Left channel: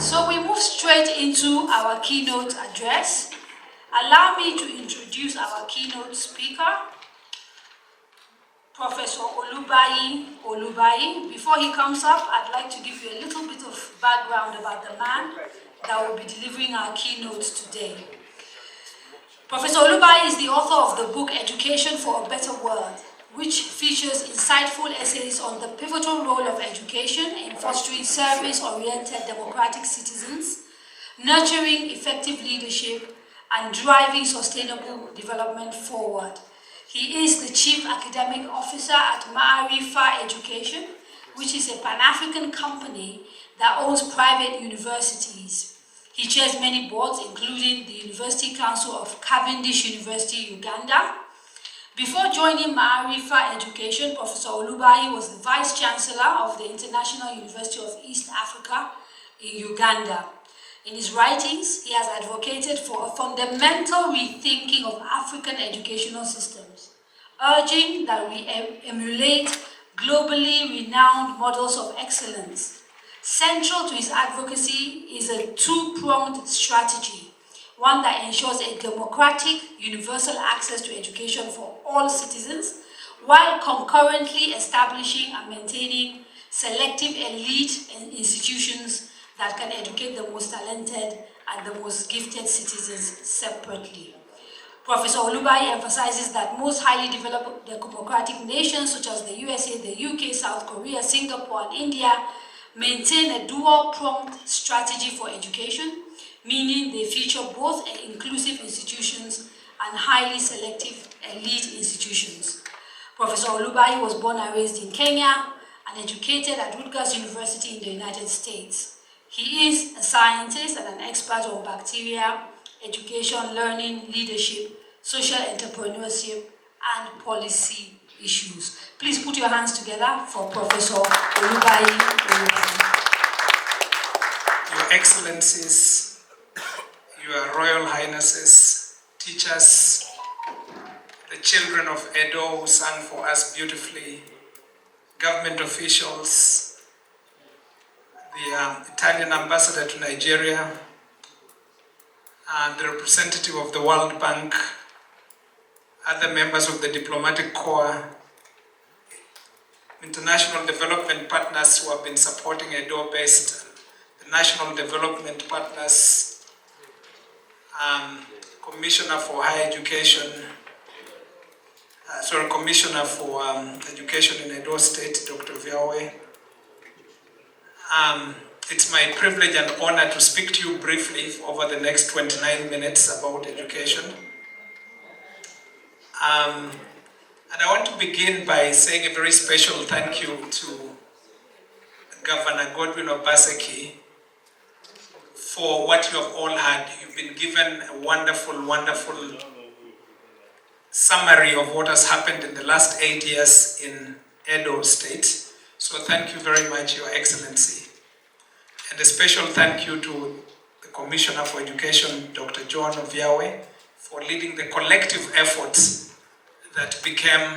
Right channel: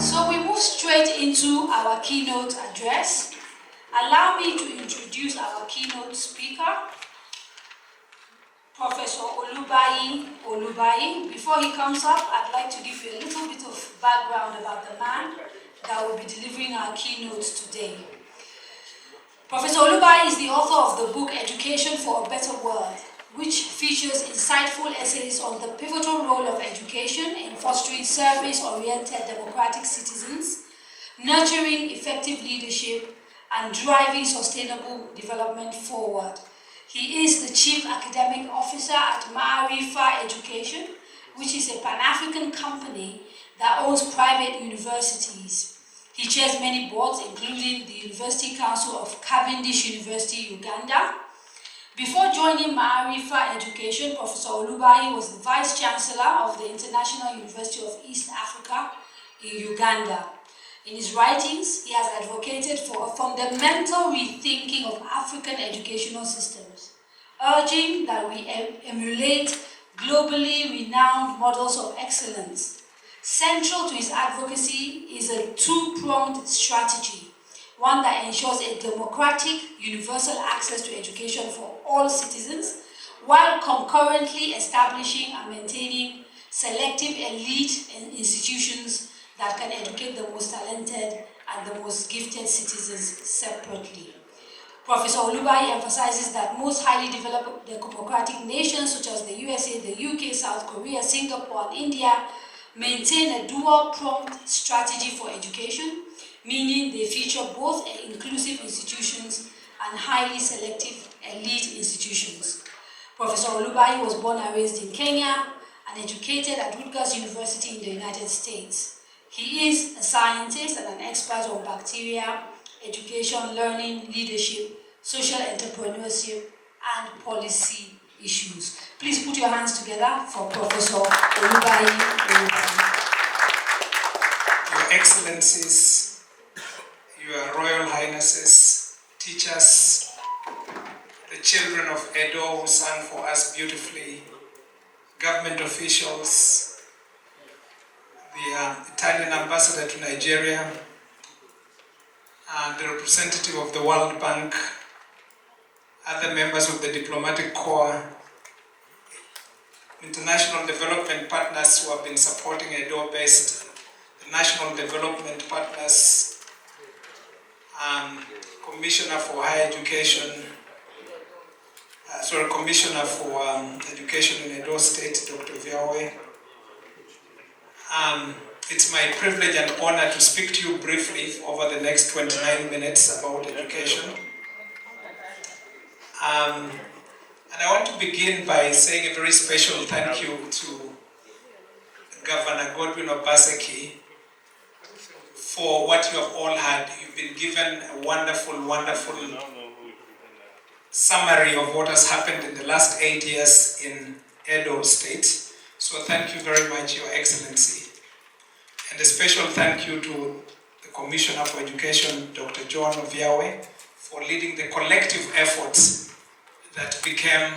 So we move straight into our keynote address. Allow me to introduce our keynote speaker, Professor Olubayi. Before he comes up, I'd like to give you a little bit of background about the man that will be delivering our keynote today. Professor Olubayi is the author of the book Education for a Better World, which features insightful essays on the pivotal role of education in fostering service-oriented democratic citizens, nurturing effective leadership, and driving sustainable development forward. He is the Chief Academic Officer at Ma'arifa Education, which is a Pan-African company that owns private universities. He chairs many boards, including the University Council of Cavendish University, Uganda. Before joining Ma'arifa Education, Professor Olubayi was the Vice Chancellor of the International University of East Africa in Uganda. In his writings, he has advocated for a fundamental rethinking of African educational systems, urging that we emulate globally renowned models of excellence. Central to his advocacy is a two-pronged strategy, one that ensures a democratic, universal access to education for all citizens, while concurrently establishing and maintaining selective elite institutions that can educate the most talented and the most gifted citizens separately. Professor Olubayi emphasizes that most highly developed democratic nations such as the USA, the UK, South Korea, Singapore, and India maintain a dual-pronged strategy for education, meaning they feature both inclusive institutions and highly selective elite institutions. Professor Olubayi was born and raised in Kenya and educated at Rutgers University in the United States. He is a scientist and an expert on bacteria, education, learning, leadership, social entrepreneurship, and policy issues. Please put your hands together for Professor Olubayi. Your Excellencies, Your Royal Highnesses, teachers, the children of Edo who sang for us beautifully, government officials, the Italian ambassador to Nigeria, and the representative of the World Bank, other members of the diplomatic corps, international development partners who have been supporting EdoBest, the national development partners, Commissioner for Higher Education, Commissioner for Education in Edo State, Dr. Viawe. It's my privilege and honor to speak to you briefly over the next 29 minutes about education. And I want to begin by saying a very special thank you to Governor Godwin Obaseki for what you have all had. You've been given a wonderful, wonderful summary of what has happened in the last 8 years in Edo State. So thank you very much, Your Excellency. And a special thank you to the Commissioner for Education, Dr. John Oviawe, for leading the collective efforts that became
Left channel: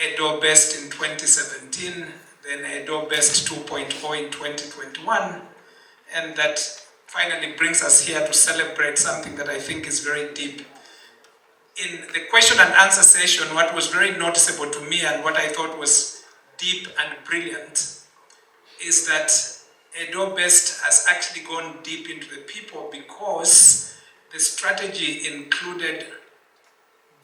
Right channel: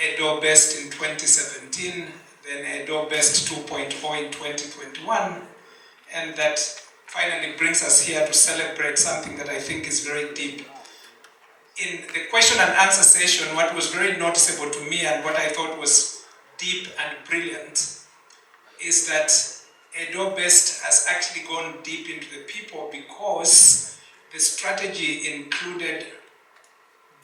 EdoBest in 2017, then EdoBest 2.0 in 2021, and that finally brings us here to celebrate something that I think is very deep. In the question and answer session, what was very noticeable to me and what I thought was deep and brilliant is that EdoBest has actually gone deep into the people because the strategy included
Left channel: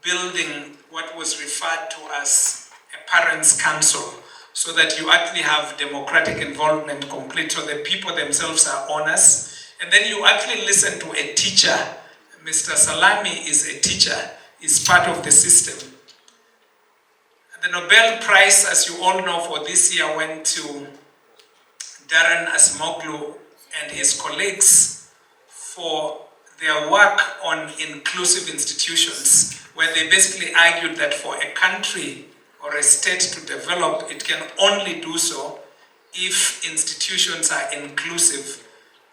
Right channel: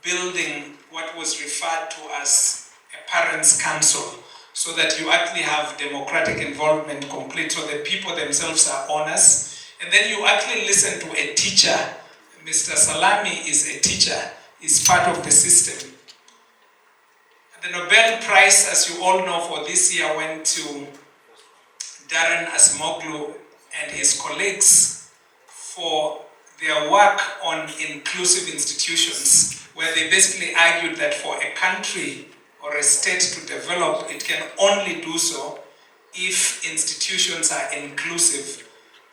building what was referred to as a parents' council, so that you actually have democratic involvement complete, so the people themselves are owners. And then you actually listen to a teacher. Mr. Salami is a teacher, is part of the system. The Nobel Prize, as you all know, for this year went to Darren Acemoglu and his colleagues for their work on inclusive institutions, where they basically argued that for a country or a state to develop, it can only do so if institutions are inclusive.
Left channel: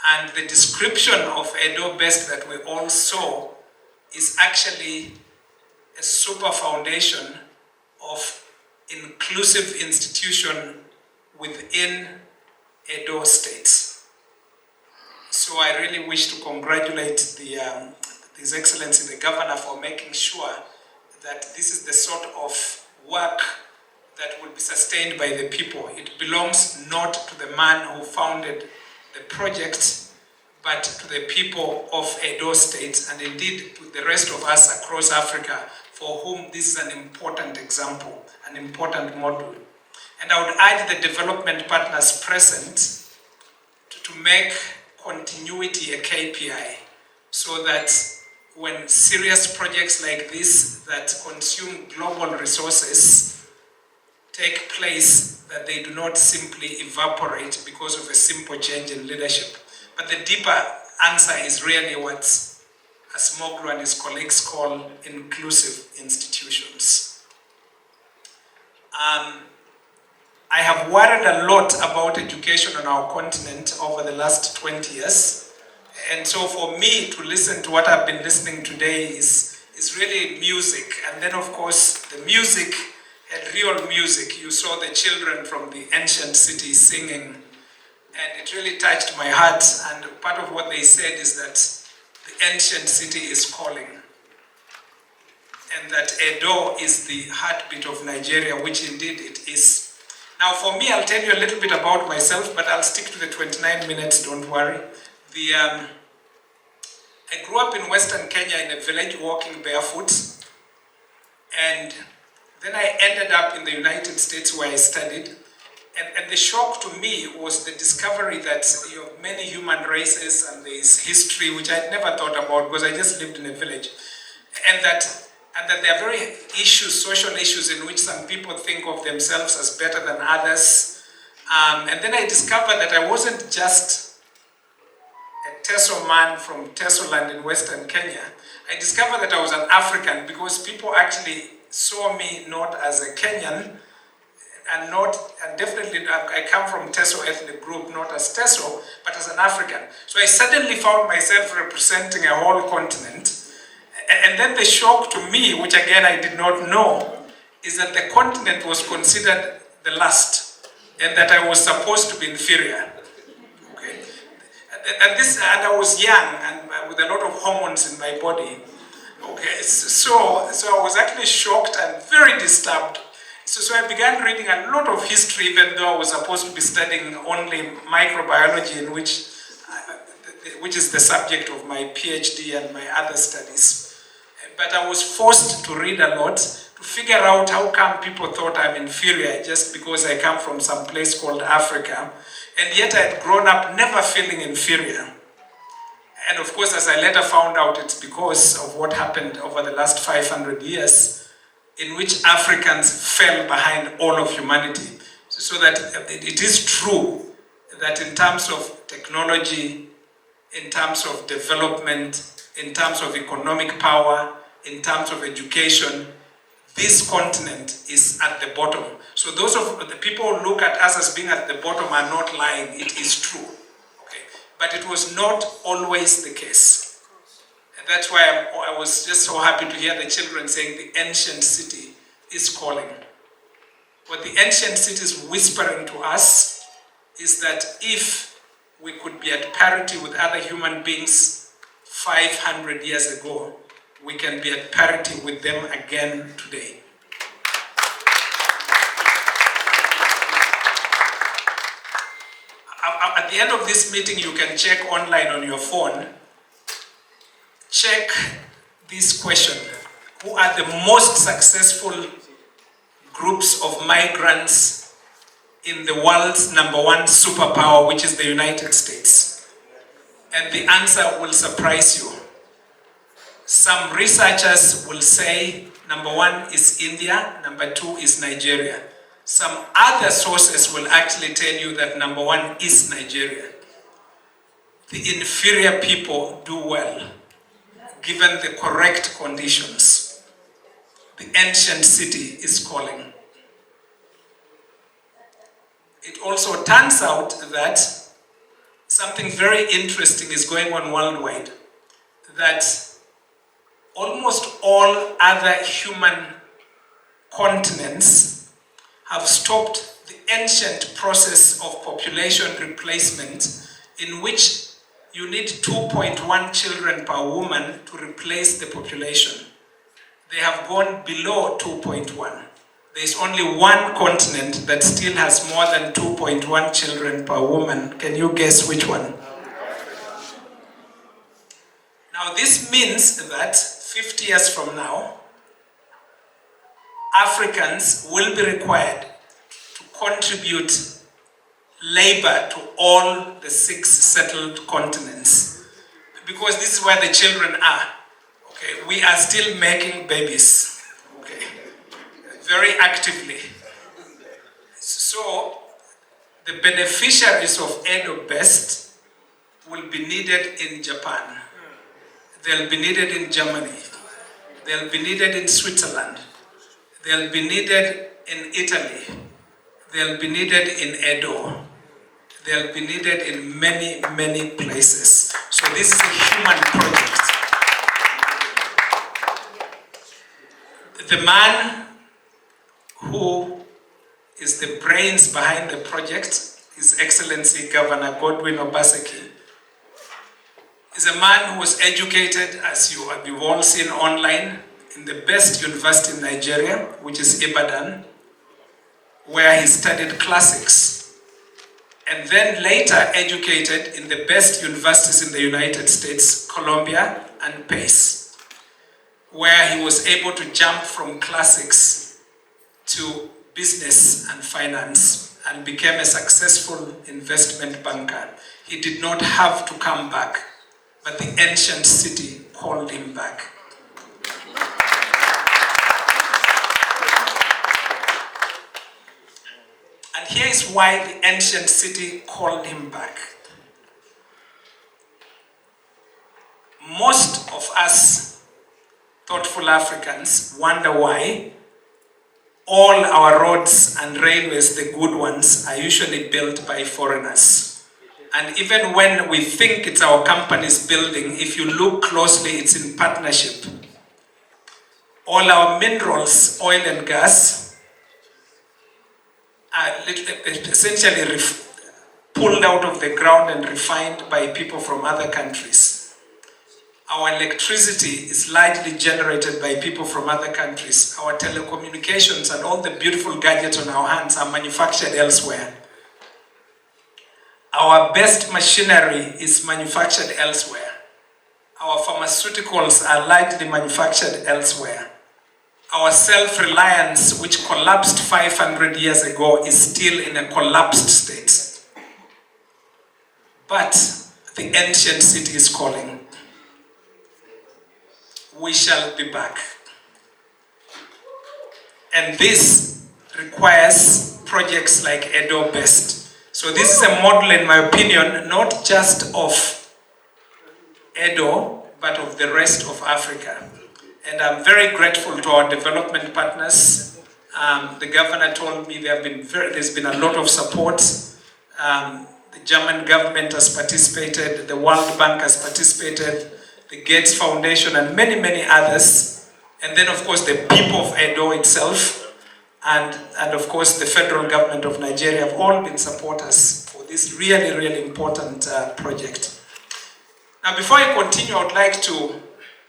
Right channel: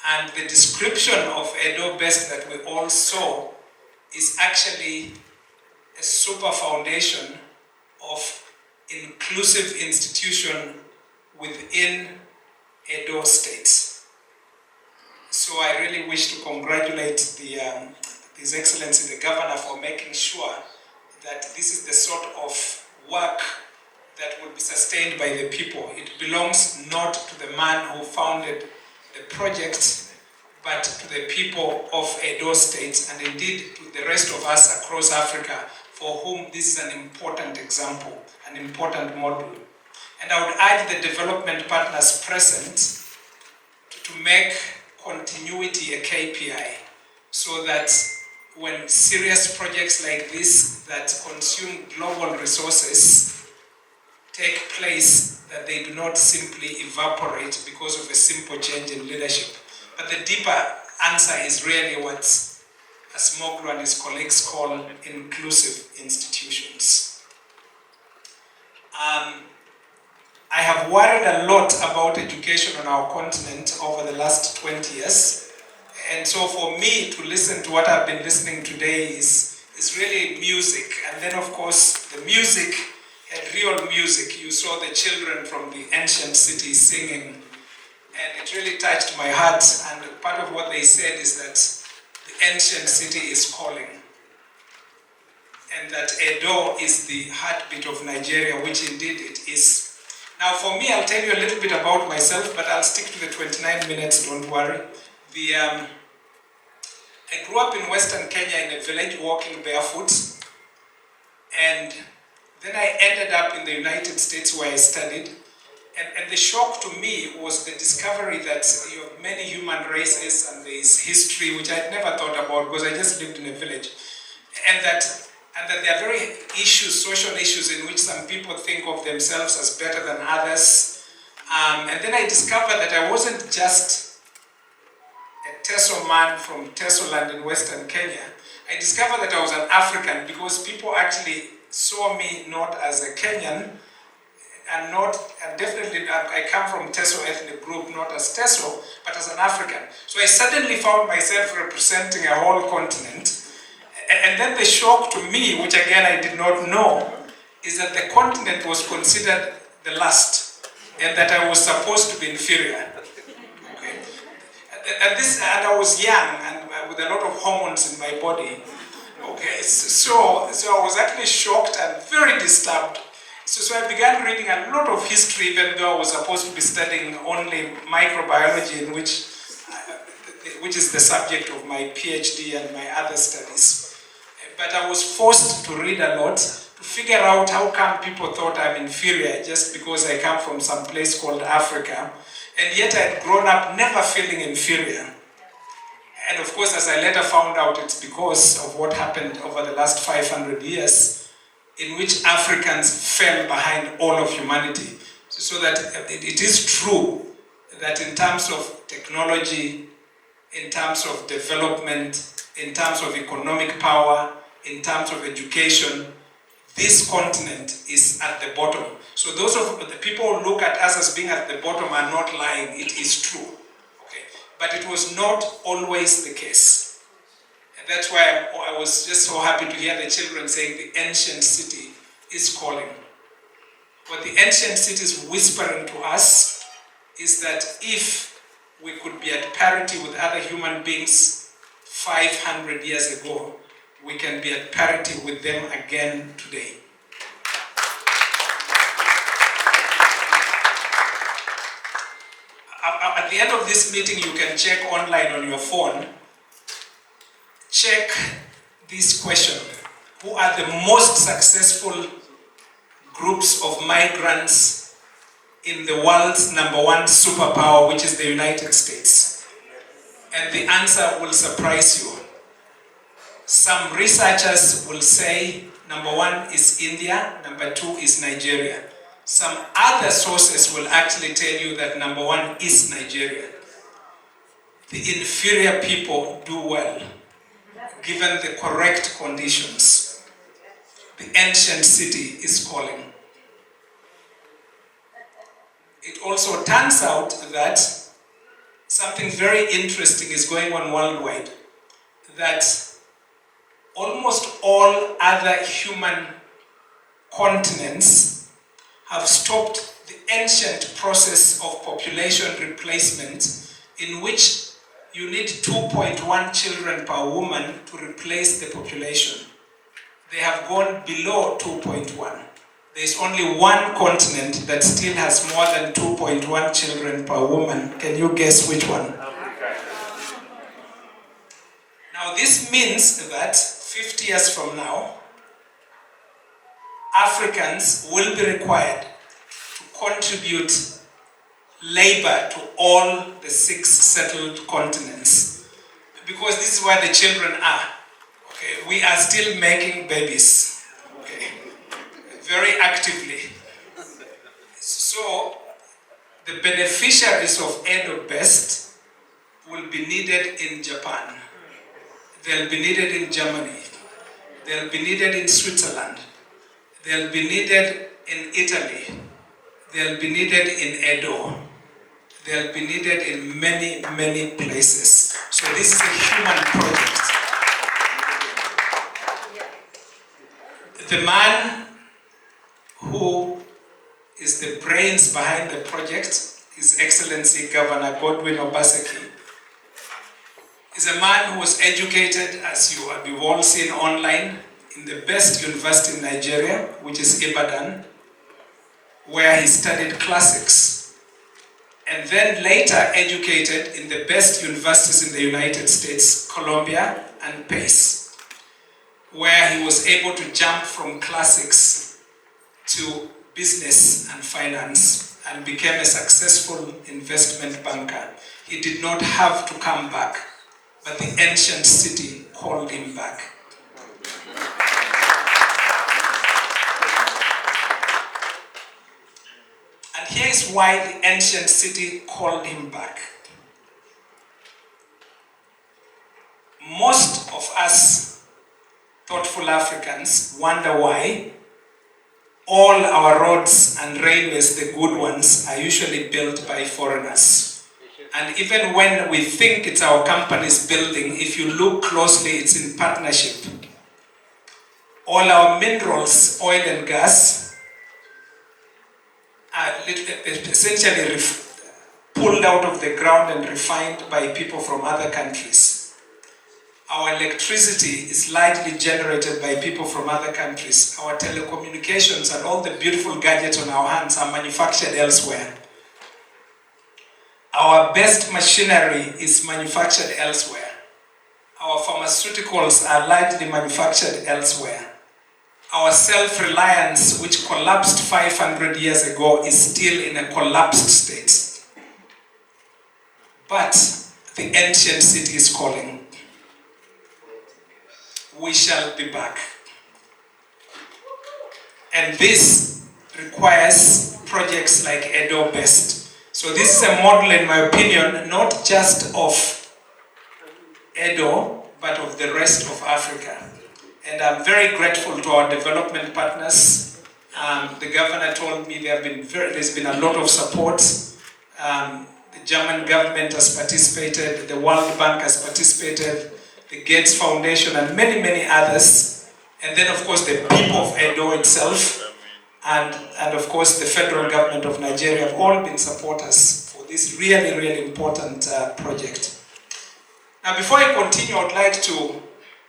And the description of EdoBest that we all saw is actually a super foundation of inclusive institution within Edo State. So I really wish to congratulate His Excellency the Governor for making sure that this is the sort of work that will be sustained by the people. It belongs not to the man who founded the project, but to the people of Edo State, and indeed to the rest of us across Africa, for whom this is an important example, an important model. And I would urge the development partners present to make continuity a KPI, so that when serious projects like this that consume global resources take place, that they do not simply evaporate because of a simple change in leadership. But the deeper answer is really what Asmoglu and his colleagues call inclusive institutions. I have worried a lot about education on our continent over the last 20 years. And so for me to listen to what I've been listening today is really music. And then of course the music had real music. You saw the children from the ancient city singing, and it really touched my heart. And part of what they said is that the ancient city is calling, and that Edo is the heartbeat of Nigeria, which indeed it is. Now for me, I'll tell you a little bit about myself, but I'll stick to the 29 minutes, don't worry. I grew up in Western Kenya in a village walking barefoot, and then I ended up in the United States where I studied. And the shock to me was the discovery that you have many human races and there is history, which I'd never thought about because I just lived in a village. And that there are very issues, social issues, in which some people think of themselves as better than others. And then I discovered that I wasn't just a Teso man from Teso land in Western Kenya. I discovered that I was an African because people actually saw me not as a Kenyan, and definitely I come from Teso ethnic group, not as Teso, but as an African. So I suddenly found myself representing a whole continent. And then the shock to me, which again I did not know, is that the continent was considered the last, and that I was supposed to be inferior. Okay, and I was young and with a lot of hormones in my body. Okay, so I was actually shocked and very disturbed. So I began reading a lot of history, even though I was supposed to be studying only microbiology, in which is the subject of my PhD and my other studies. But I was forced to read a lot to figure out how come people thought I'm inferior just because I come from some place called Africa, and yet I had grown up never feeling inferior. And of course, as I later found out, it's because of what happened over the last 500 years, in which Africans fell behind all of humanity. So that it is true that in terms of technology, in terms of development, in terms of economic power, in terms of education, this continent is at the bottom. So those of the people who look at us as being at the bottom are not lying. It is true. Okay. But it was not always the case. And that's why I was just so happy to hear the children saying the ancient city is calling. What the ancient city is whispering to us is that if we could be at parity with other human beings 500 years ago, we can be at parity with them again today. At the end of this meeting, you can check online on your phone. Check this question. Who are the most successful groups of migrants in the world's #1 superpower, which is the United States? And the answer will surprise you. Some researchers will say #1 is India, #2 is Nigeria. Some other sources will actually tell you that #1 is Nigeria. The inferior people do well, given the correct conditions. The ancient city is calling. It also turns out that something very interesting is going on worldwide, that almost all other human continents have stopped the ancient process of population replacement, in which you need 2.1 children per woman to replace the population. They have gone below 2.1. There's only one continent that still has more than 2.1 children per woman. Can you guess which one? Now this means that 50 years from now, Africans will be required to contribute labor to all the 6 settled continents. Because this is where the children are. Okay, we are still making babies. Okay, very actively. So, the beneficiaries of EdoBest will be needed in Japan. They'll be needed in Germany. They'll be needed in Switzerland. They'll be needed in Italy. They'll be needed in Edo. They'll be needed in many, many places. So this is a human project. The man who is the brains behind the project, His Excellency Governor Godwin Obaseki, is a man who was educated, as you've all seen online, in the best university in Nigeria, which is Ibadan, where he studied classics, and then later educated in the best universities in the United States, Columbia and Pace, where he was able to jump from classics to business and finance and became a successful investment banker. He did not have to come back, but the ancient city called him back. And here is why the ancient city called him back. Most of us thoughtful Africans wonder why all our roads and railways, the good ones, are usually built by foreigners. And even when we think it's our company's building, if you look closely, it's in partnership. All our minerals, oil and gas, are essentially pulled out of the ground and refined by people from other countries. Our electricity is largely generated by people from other countries. Our telecommunications and all the beautiful gadgets on our hands are manufactured elsewhere. Our best machinery is manufactured elsewhere. Our pharmaceuticals are largely manufactured elsewhere. Our self-reliance, which collapsed 500 years ago, is still in a collapsed state. But the ancient city is calling. We shall be back. And this requires projects like EdoBest. So this is a model, in my opinion, not just of Edo, but of the rest of Africa. And I'm very grateful to our development partners. The governor told me there's been a lot of support. The German government has participated, the World Bank has participated, the Gates Foundation, and many, many others. And then, of course, the people of Edo itself, and of course, the federal government of Nigeria have all been supporters for this really, really important project. Now, before I continue, I would like to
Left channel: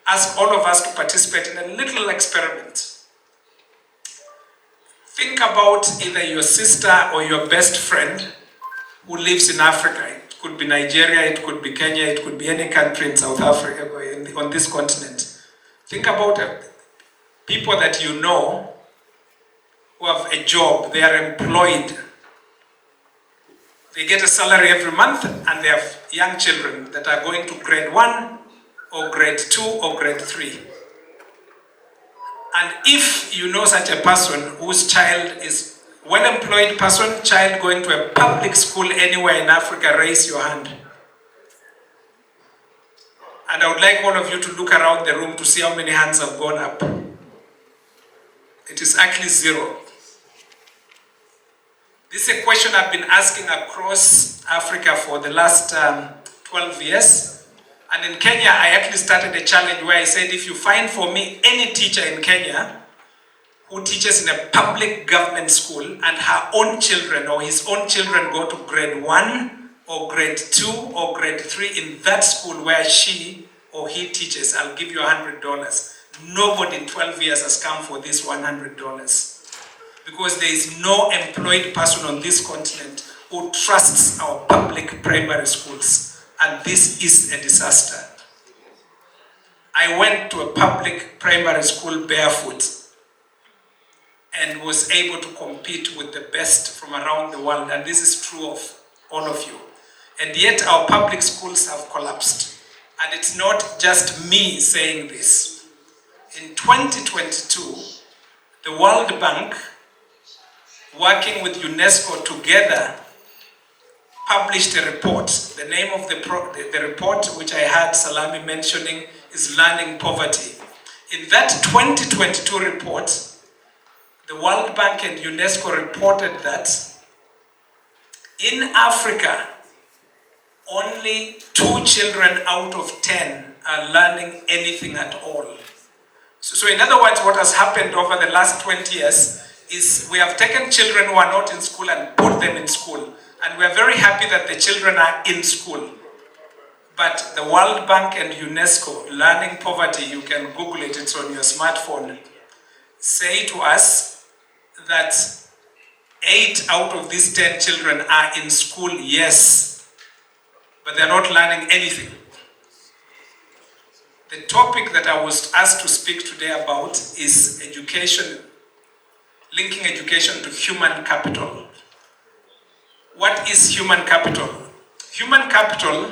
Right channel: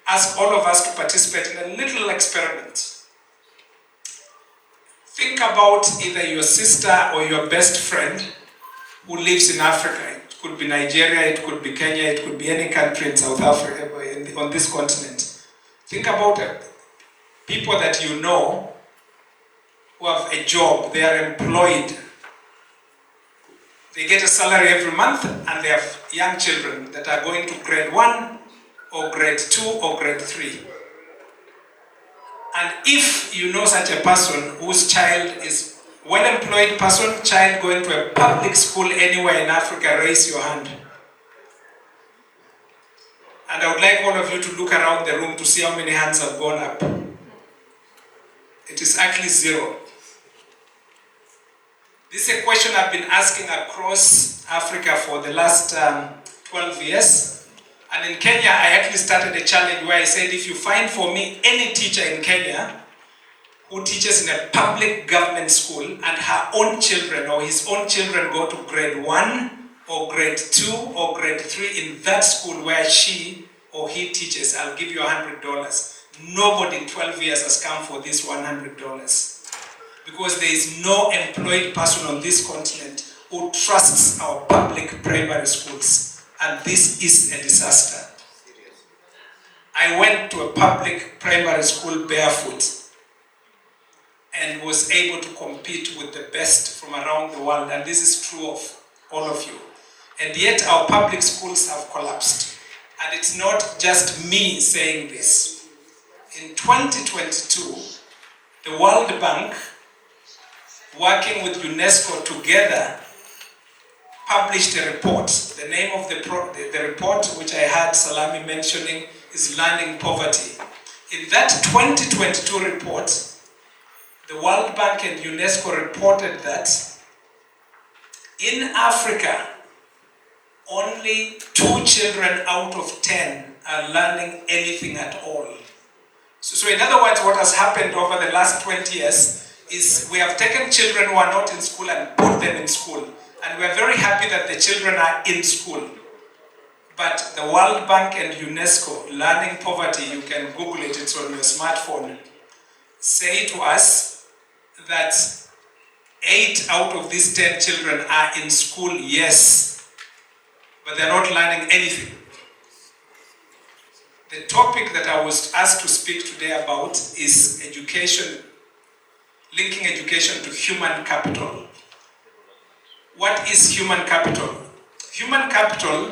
ask all of us to participate in a little experiment. Think about either your sister or your best friend who lives in Africa. It could be Nigeria, it could be Kenya, it could be any country in South Africa, on this continent. Think about people that you know who have a job, they are employed. They get a salary every month, and they have young children that are going to grade 1 or grade 2 or grade 3. And if you know such a person whose child is well-employed person, child going to a public school anywhere in Africa, raise your hand. And I would like all of you to look around the room to see how many hands have gone up. It is actually 0. This is a question I've been asking across Africa for the last 12 years. And in Kenya, I actually started a challenge where I said, if you find for me any teacher in Kenya who teaches in a public government school and her own children or his own children go to grade 1 or grade 2 or grade 3 in that school where she or he teaches, I'll give you $100. Nobody in 12 years has come for this $100. Because there is no employed person on this continent who trusts our public primary schools. And this is a disaster. I went to a public primary school barefoot and was able to compete with the best from around the world. And this is true of all of you. And yet our public schools have collapsed. And it's not just me saying this. In 2022, the World Bank, working with UNESCO together, published a report. The name of the report, which I heard Salami mentioning, is Learning Poverty. In that 2022 report, the World Bank and UNESCO reported that in Africa, only 2 children out of 10 are learning anything at all. So in other words, what has happened over the last 20 years is we have taken children who are not in school and put them in school. And we're very happy that the children are in school. But the World Bank and UNESCO, Learning Poverty, you can Google it, it's on your smartphone, say to us that 8 out of these 10 children are in school, yes, but they're not learning anything. The topic that I was asked to speak today about is education, linking education to human capital. What is human capital? Human capital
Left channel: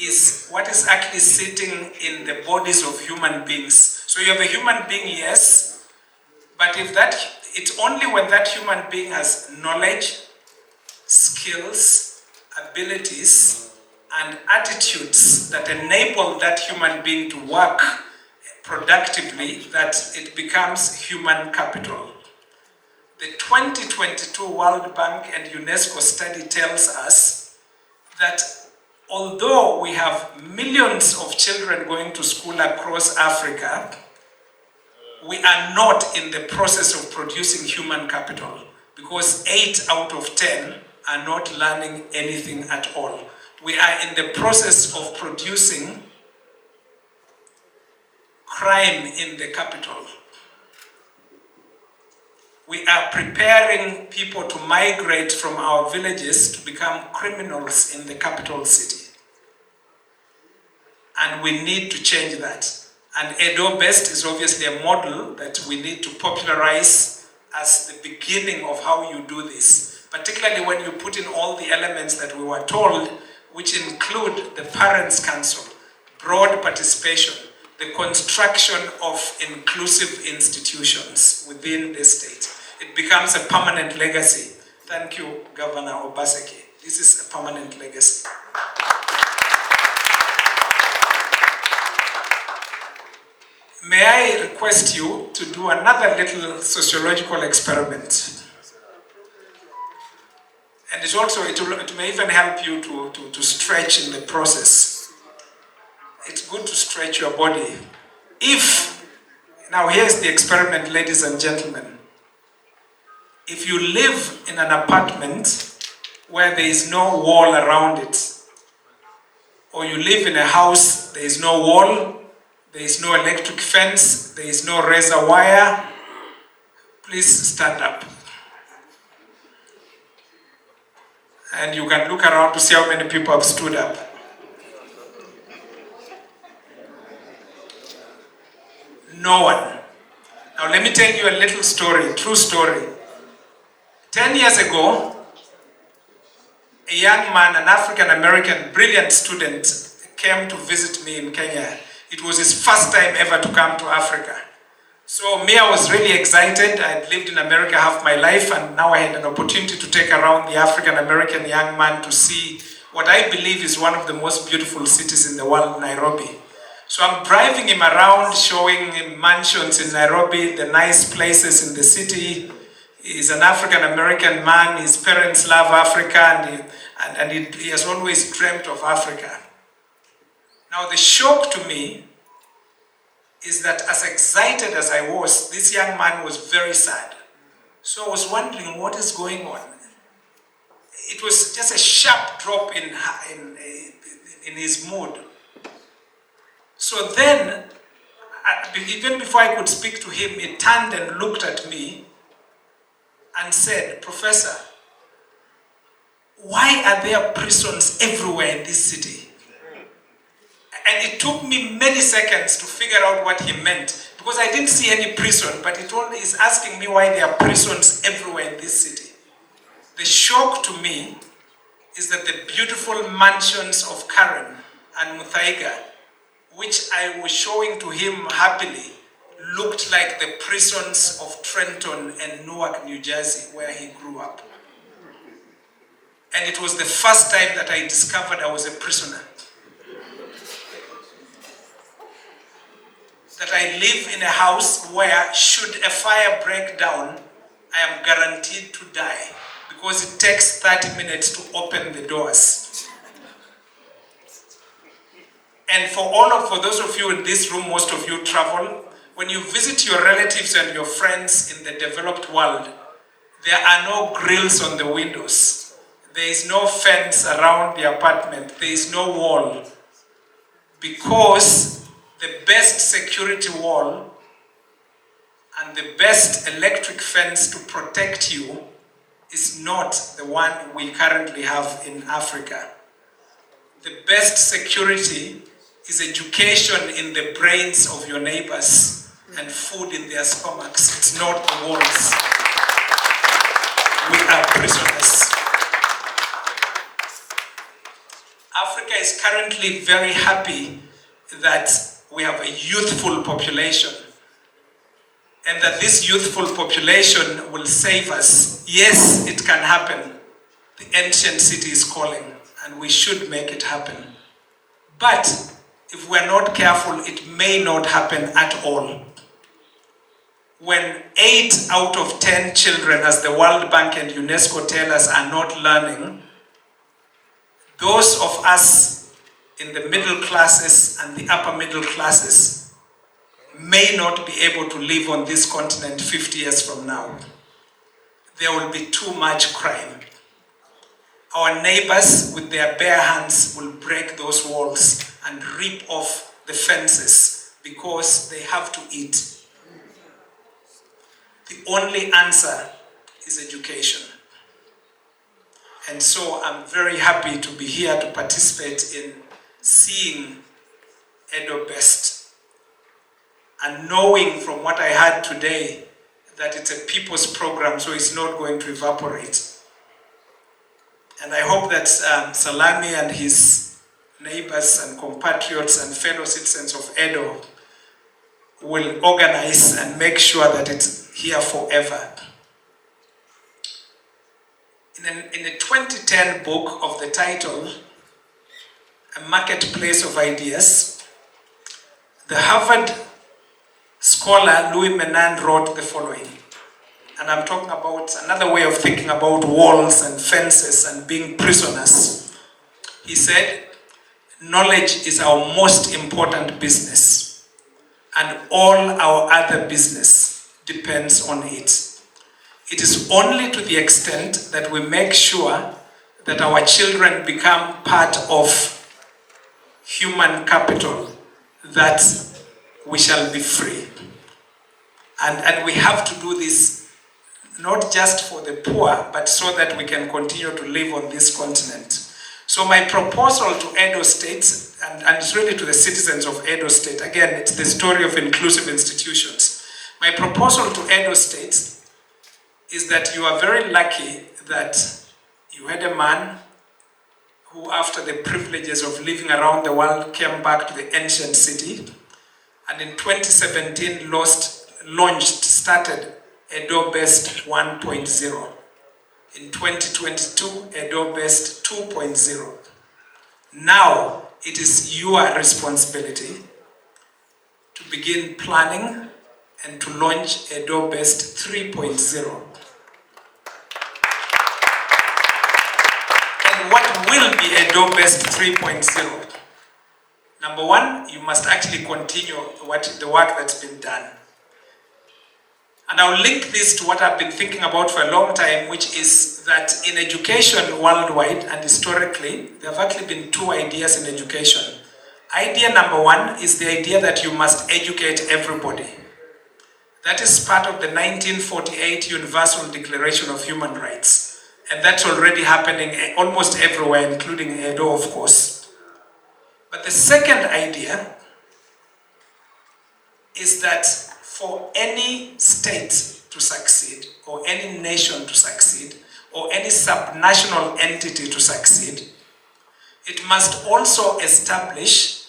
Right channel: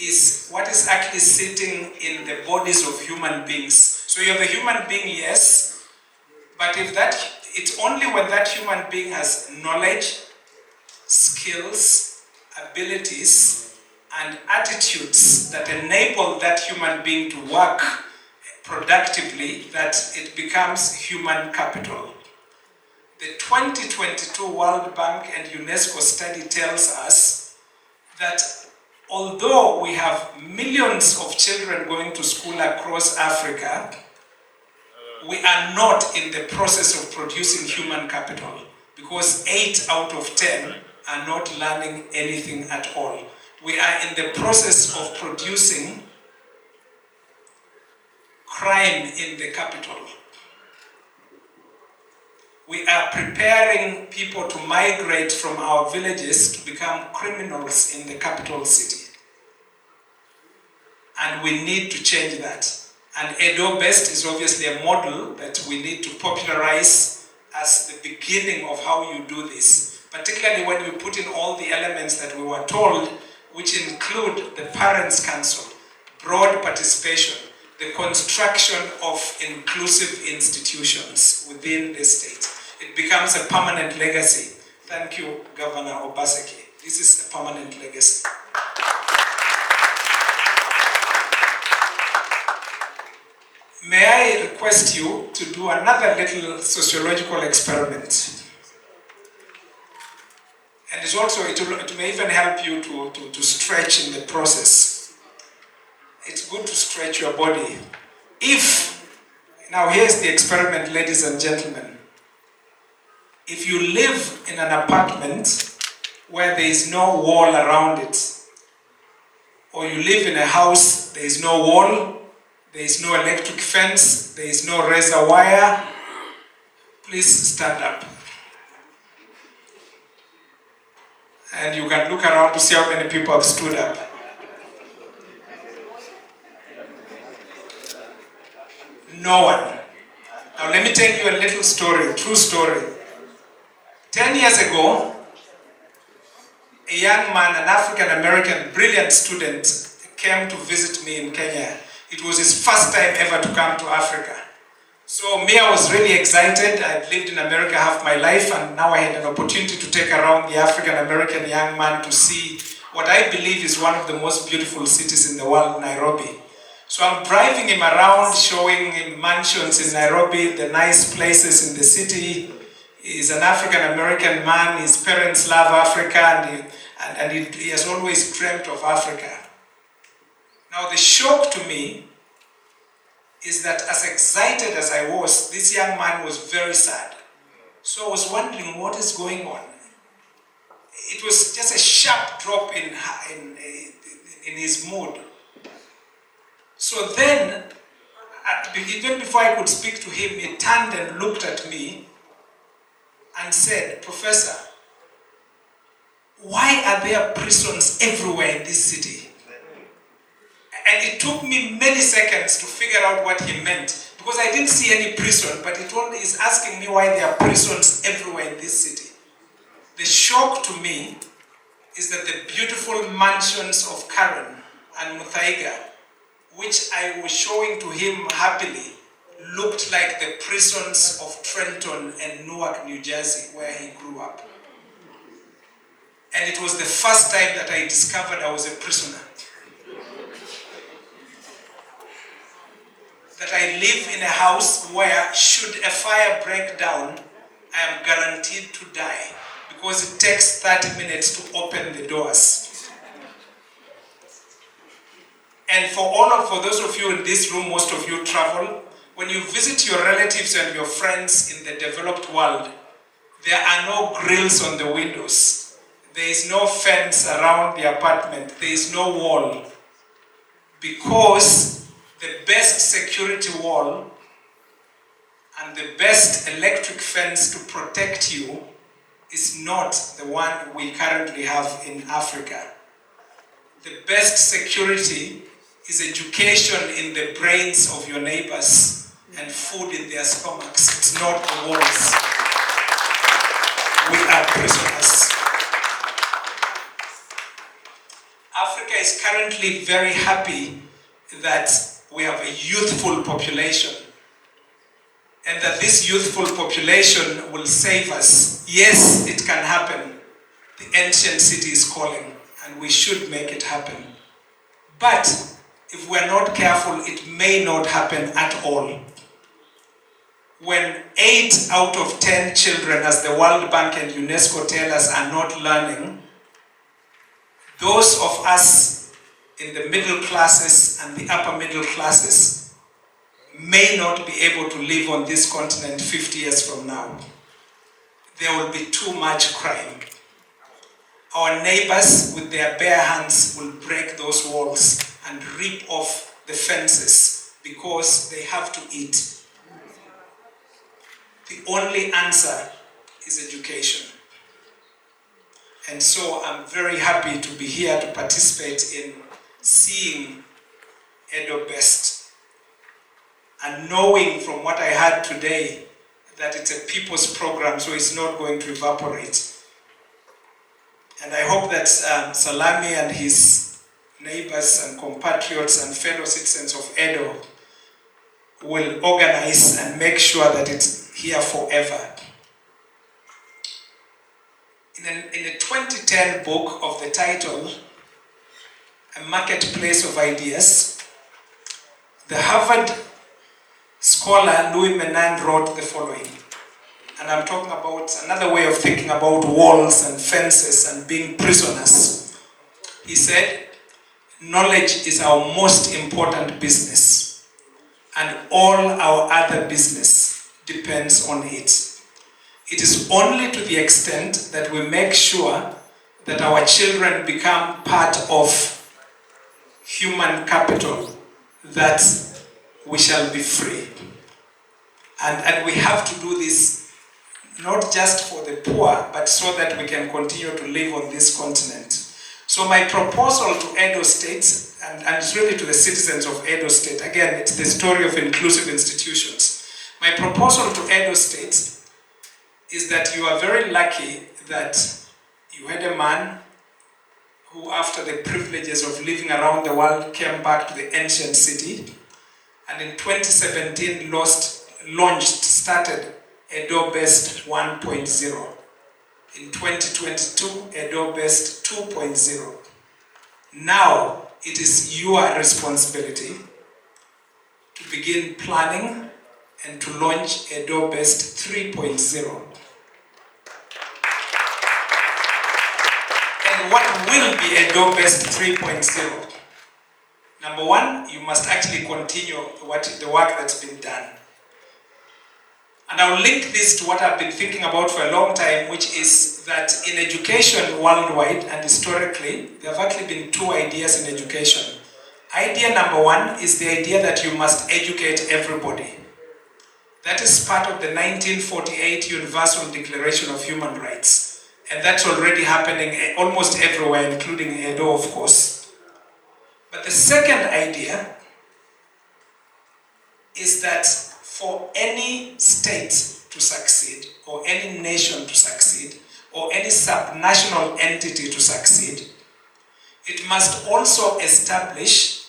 is what is actually sitting in the bodies of human beings. So you have a human being, yes, but it's only when that human being has knowledge, skills, abilities, and attitudes that enable that human being to work productively that it becomes human capital. The 2022 World Bank and UNESCO study tells us that although we have millions of children going to school across Africa, we are not in the process of producing human capital because 8 out of 10 are not learning anything at all. We are in the process of producing crime in the capital. We are preparing people to migrate from our villages to become criminals in the capital city. And we need to change that. And EdoBest is obviously a model that we need to popularize as the beginning of how you do this. Particularly when you put in all the elements that we were told, which include the Parents' Council, broad participation, the construction of inclusive institutions within the state. It becomes a permanent legacy. Thank you, Governor Obaseki. This is a permanent legacy. May I request you to do another little sociological experiment? And it may even help you to stretch in the process. It's good to stretch your body. Now here's the experiment, ladies and gentlemen. If you live in an apartment where there is no wall around it, or you live in a house, there is no wall, there is no electric fence, there is no razor wire, please stand up. And you can look around to see how many people have stood up. No one. Now let me tell you a little story, true story. 10 years ago, a young man, an African-American, brilliant student, came to visit me in Kenya. It was his first time ever to come to Africa. So me, I was really excited. I'd lived in America half my life, and now I had an opportunity to take around the African-American young man to see what I believe is one of the most beautiful cities in the world, Nairobi. So I'm driving him around, showing him mansions in Nairobi, the nice places in the city. He's an African-American man, his parents love Africa, and he has always dreamt of Africa. Now the shock to me is that as excited as I was, this young man was very sad. So I was wondering what is going on. it was just a sharp drop in his mood. So then, even before I could speak to him, he turned and looked at me and said, "Professor, why are there prisons everywhere in this city?" And it took me many seconds to figure out what he meant, because I didn't see any prison, but he's asking me why there are prisons everywhere in this city. The shock to me is that the beautiful mansions of Karen and Muthaiga, which I was showing to him happily, looked like the prisons of Trenton and Newark, New Jersey, where he grew up. And it was the first time that I discovered I was a prisoner. That I live in a house where, should a fire break down, I am guaranteed to die, because it takes 30 minutes to open the doors. And for those of you in this room, most of you travel, when you visit your relatives and your friends in the developed world, there are no grills on the windows. There is no fence around the apartment. There is no wall. Because the best security wall and the best electric fence to protect you is not the one we currently have in Africa. The best security is education in the brains of your neighbors and food in their stomachs. It's not the walls. We are prisoners. Africa is currently very happy that we have a youthful population, and that this youthful population will save us. Yes, it can happen. The ancient city is calling, and we should make it happen. But if we're not careful, it may not happen at all. When 8 out of 10 children, as the World Bank and UNESCO tell us, are not learning, those of us in the middle classes and the upper middle classes may not be able to live on this continent 50 years from now. There will be too much crime. Our neighbors with their bare hands will break those walls and rip off the fences because they have to eat. The only answer is education. And so I'm very happy to be here to participate in seeing EdoBest and knowing from what I heard today that it's a people's program, so it's not going to evaporate. And I hope that Salami and his neighbors and compatriots and fellow citizens of Edo will organize and make sure that it's here forever. In a 2010 book of the title, A Marketplace of Ideas, the Harvard scholar Louis Menand wrote the following. And I'm talking about another way of thinking about walls and fences and being prisoners. He said, knowledge is our most important business, and all our other business depends on it. It is only to the extent that we make sure that our children become part of human capital that we shall be free. And we have to do this not just for the poor, but so that we can continue to live on this continent. So my proposal to Edo State, and it's really to the citizens of Edo State, again, it's the story of inclusive institutions. My proposal to Edo State is that you are very lucky that you had a man who, after the privileges of living around the world, came back to the ancient city, and in 2017 started EdoBest 1.0. In 2022, EdoBest 2.0. Now, it is your responsibility to begin planning and to launch EdoBest 3.0. And what will be EdoBest 3.0? Number one, you must actually continue the work that's been done. And I'll link this to what I've been thinking about for a long time, which is that in education worldwide and historically, there have actually been two ideas in education. Idea number one is the idea that you must educate everybody. That is part of the 1948 Universal Declaration of Human Rights. And that's already happening almost everywhere, including Edo, of course. But the second idea is that for any state to succeed, or any nation to succeed, or any subnational entity to succeed, it must also establish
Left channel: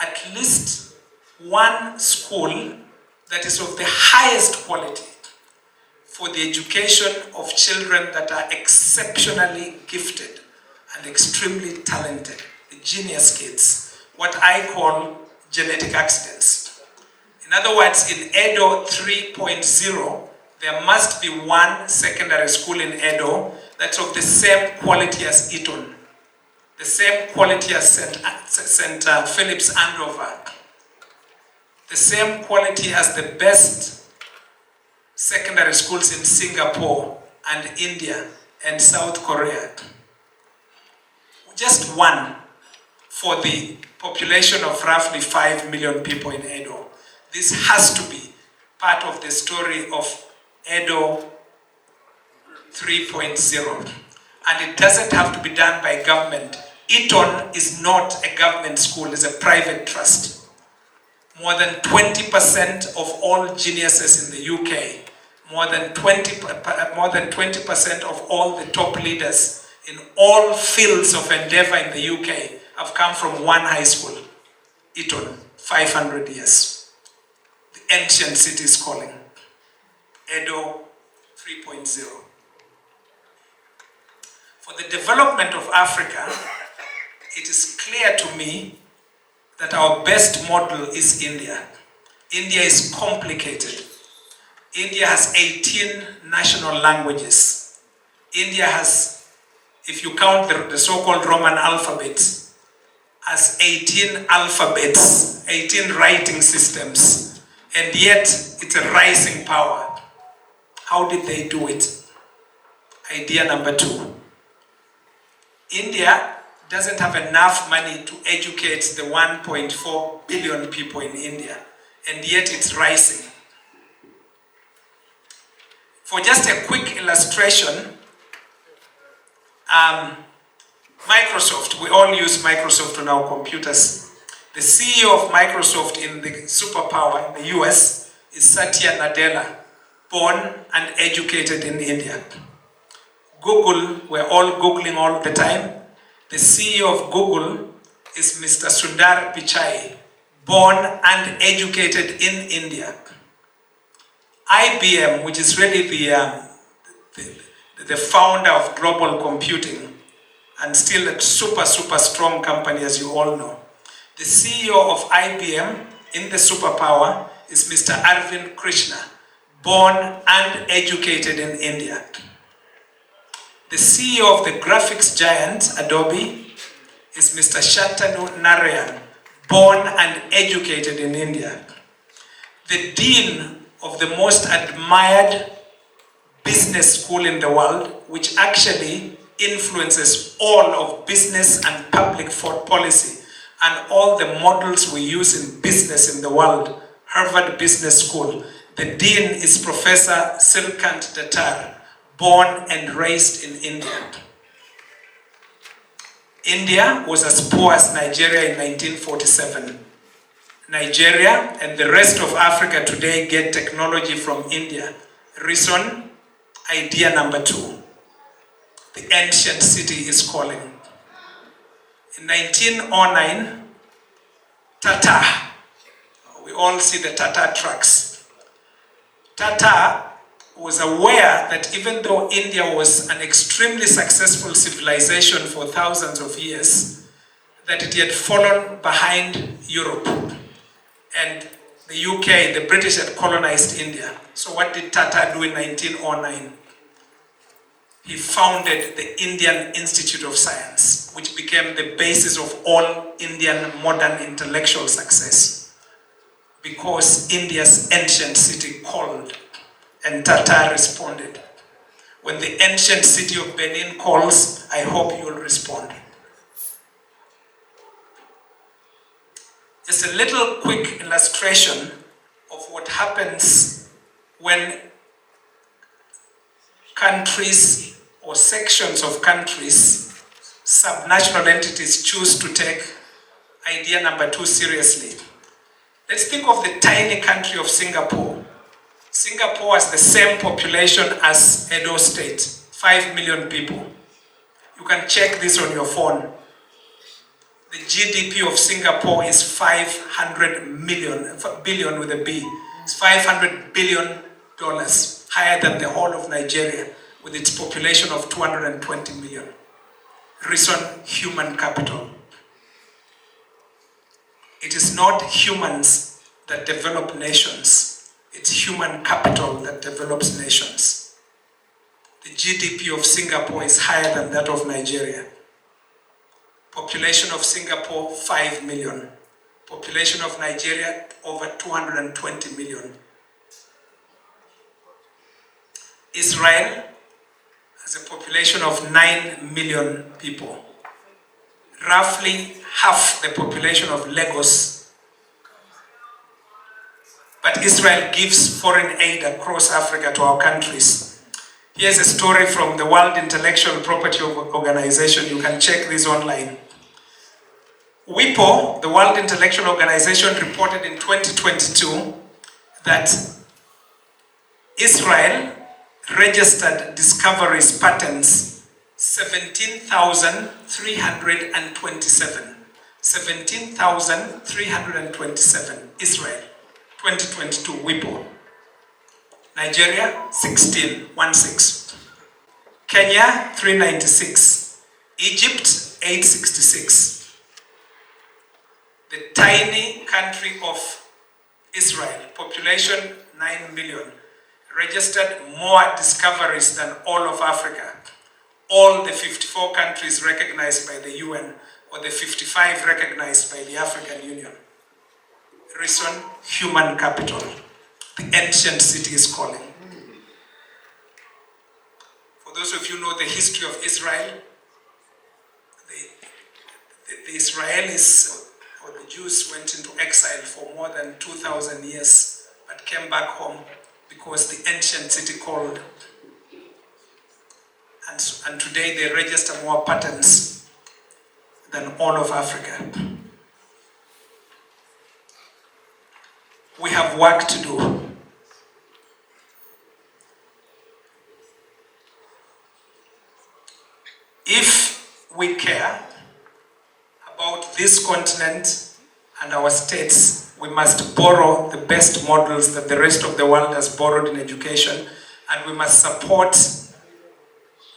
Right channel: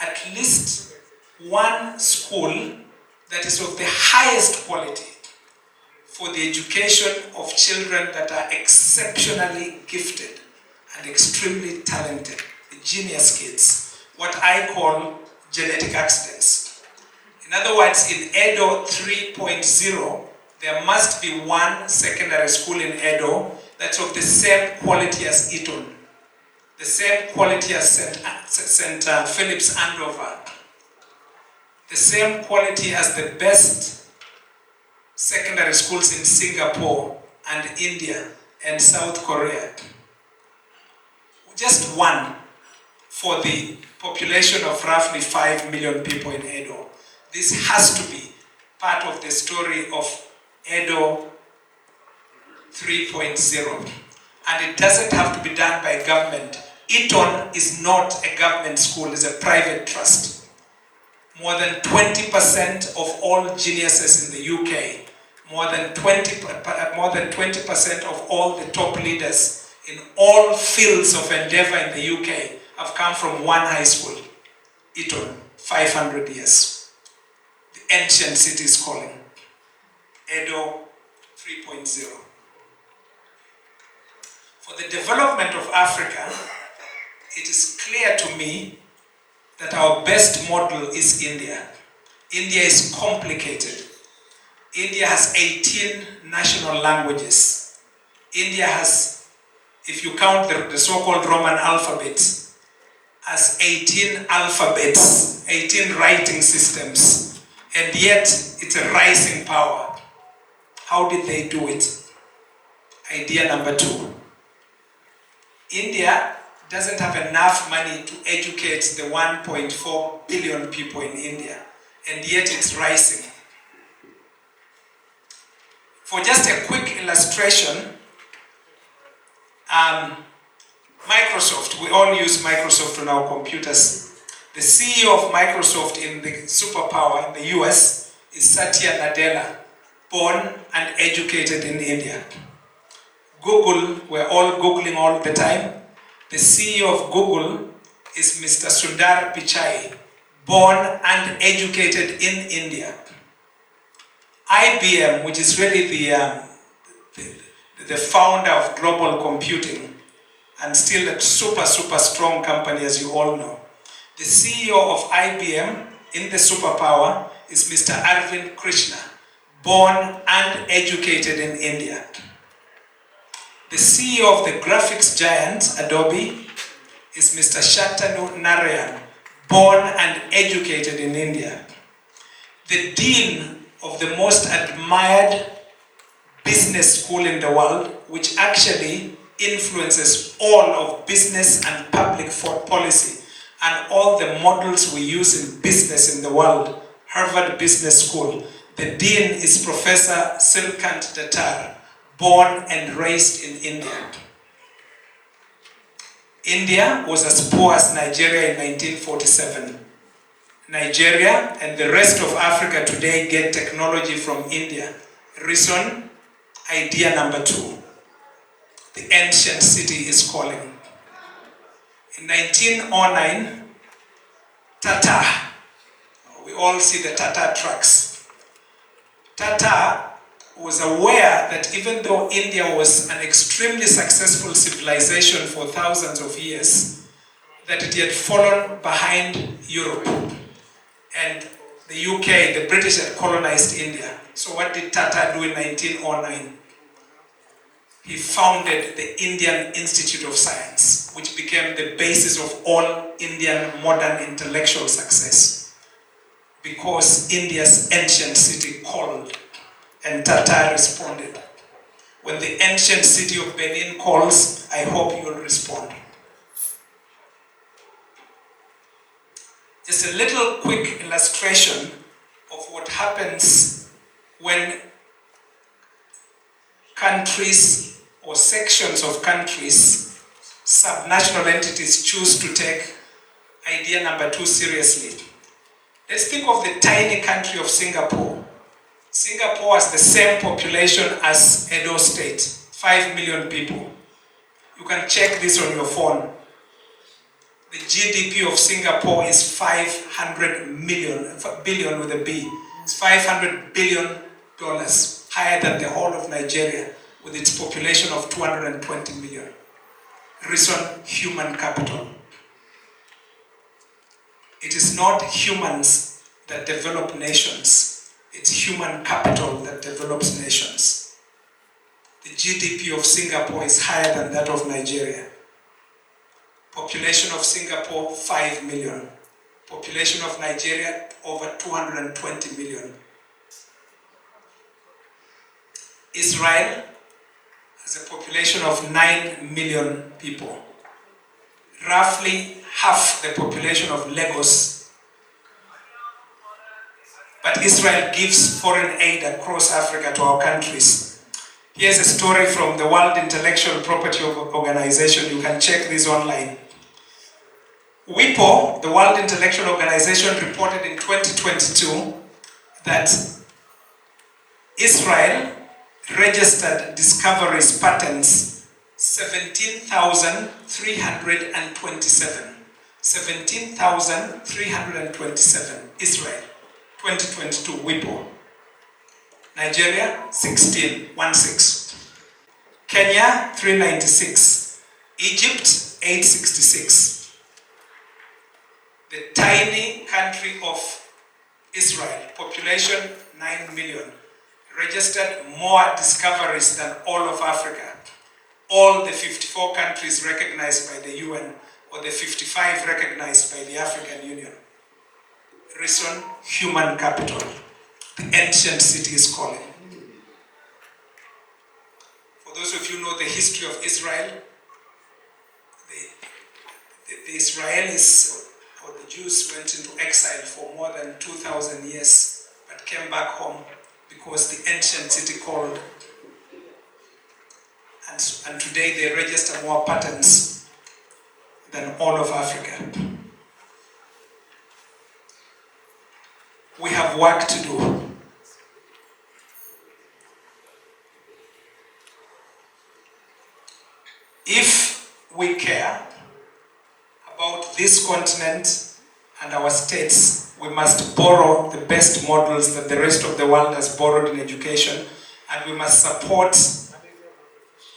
at least one school that is of the highest quality for the education of children that are exceptionally gifted and extremely talented, the genius kids, what I call genetic accidents. In other words, in Edo 3.0, there must be one secondary school in Edo that's of the same quality as Eton, the same quality as St. Philip's Andover, the same quality as the best secondary schools in Singapore and India and South Korea. Just one for the population of roughly 5 million people in Edo. This has to be part of the story of Edo 3.0. And it doesn't have to be done by government. Eton is not a government school, it's a private trust. More than 20% of all geniuses in the UK, more than 20% of all the top leaders in all fields of endeavor in the UK have come from one high school, Eton, 500 years. The ancient city is calling, Edo 3.0. For the development of Africa, it is clear to me that our best model is India. India is complicated. India has 18 national languages. India has, if you count the so-called Roman alphabet, has 18 alphabets, 18 writing systems, and yet it's a rising power. How did they do it? Idea number two. India doesn't have enough money to educate the 1.4 billion people in India, and yet it's rising. For just a quick illustration, Microsoft, we all use Microsoft on our computers. The CEO of Microsoft in the superpower in the US is Satya Nadella, born and educated in India. Google, we're all Googling all the time. The CEO of Google is Mr. Sundar Pichai, born and educated in India. IBM, which is really the founder of global computing, and still a super strong company, as you all know. The CEO of IBM in the superpower is Mr. Arvind Krishna, born and educated in India. The CEO of the graphics giant, Adobe, is Mr. Shantanu Narayan, born and educated in India. The dean of the most admired business school in the world, which actually influences all of business and public policy and all the models we use in business in the world, Harvard Business School. The dean is Professor Sirikant Datar, born and raised in India. India was as poor as Nigeria in 1947. Nigeria and the rest of Africa today get technology from India. Reason, idea number two. The ancient city is calling. In 1909, Tata, we all see the Tata trucks. Tata was aware that even though India was an extremely successful civilization for thousands of years, that it had fallen behind Europe. And the UK, the British had colonized India. So what did Tata do in 1909? He founded the Indian Institute of Science, which became the basis of all Indian modern intellectual success. Because India's ancient city called. And Tata responded. When the ancient city of Benin calls, I hope you will respond. Just a little quick illustration of what happens when countries or sections of countries, subnational entities, choose to take idea number 2 seriously. Let's think of the tiny country of Singapore. Singapore has the same population as Edo State, 5 million people. You can check this on your phone. The GDP of Singapore is 500 billion with a B. It's $500 billion, higher than the whole of Nigeria, with its population of 220 million. Reason: human capital. It is not humans that develop nations. It's human capital that develops nations. The GDP of Singapore is higher than that of Nigeria. Population of Singapore, 5 million. Population of Nigeria, over 220 million. Israel has a population of 9 million people. Roughly half the population of Lagos. But Israel gives foreign aid across Africa to our countries. Here's a story from the World Intellectual Property Organization. You can check this online. WIPO, the World Intellectual Organization, reported in 2022 that Israel registered discoveries, patents, 17,327. 17,327. Israel, 2022, WIPO. Nigeria, 16. Kenya, 396. Egypt, 866. The tiny country of Israel, population 9 million, registered more discoveries than all of Africa. All the 54 countries recognized by the UN, or the 55 recognized by the African Union. Reason: human capital. The ancient city is calling. For those of you who know the history of Israel, the Israelis or the Jews went into exile for more than 2,000 years, but came back home because the ancient city called. And today they register more patents than all of Africa. We have work to do. If we care about this continent and our states, we must borrow the best models that the rest of the world has borrowed in education, and we must support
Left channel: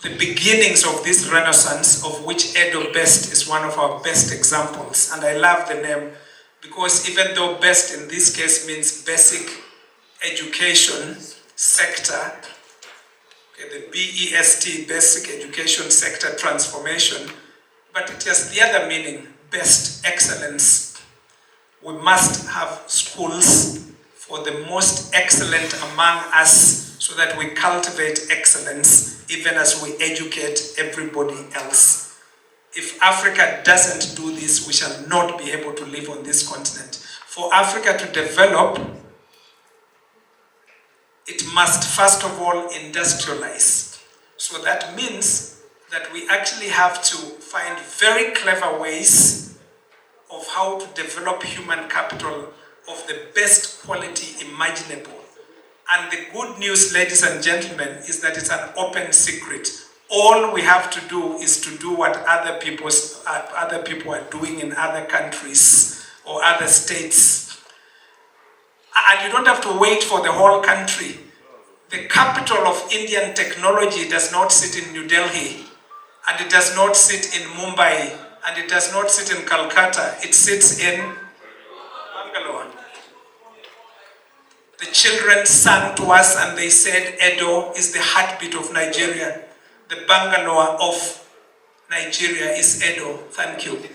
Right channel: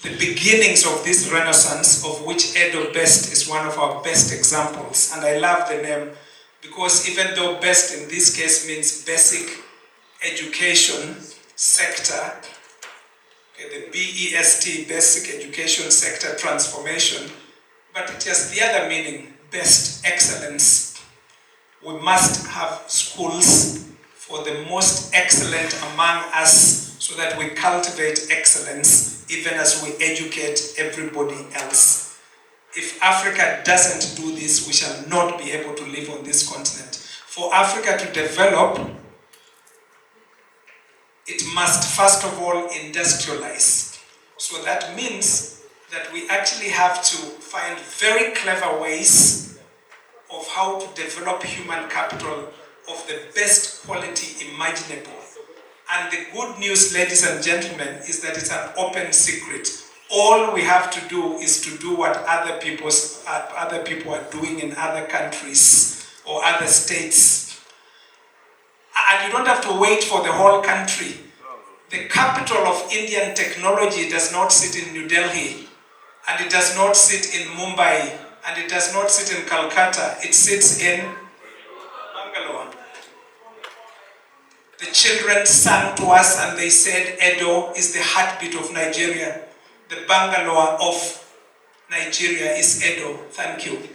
the beginnings of this renaissance, of which EdoBest is one of our best examples. And I love the name because even though best in this case means basic education sector, the BEST, basic education sector transformation, but it has the other meaning, best, excellence. We must have schools for the most excellent among us so that we cultivate excellence even as we educate everybody else. If Africa doesn't do this, we shall not be able to live on this continent. For Africa to develop, it must first of all industrialize. So that means that we actually have to find very clever ways of how to develop human capital of the best quality imaginable. And the good news, ladies and gentlemen, is that it's an open secret. All we have to do is to do what other people are doing in other countries or other states. And you don't have to wait for the whole country. The capital of Indian technology does not sit in New Delhi, and it does not sit in Mumbai, and it does not sit in Calcutta. It sits in Bangalore. The children sang to us and they said, Edo is the heartbeat of Nigeria. The Bangalore of Nigeria is Edo. Thank you.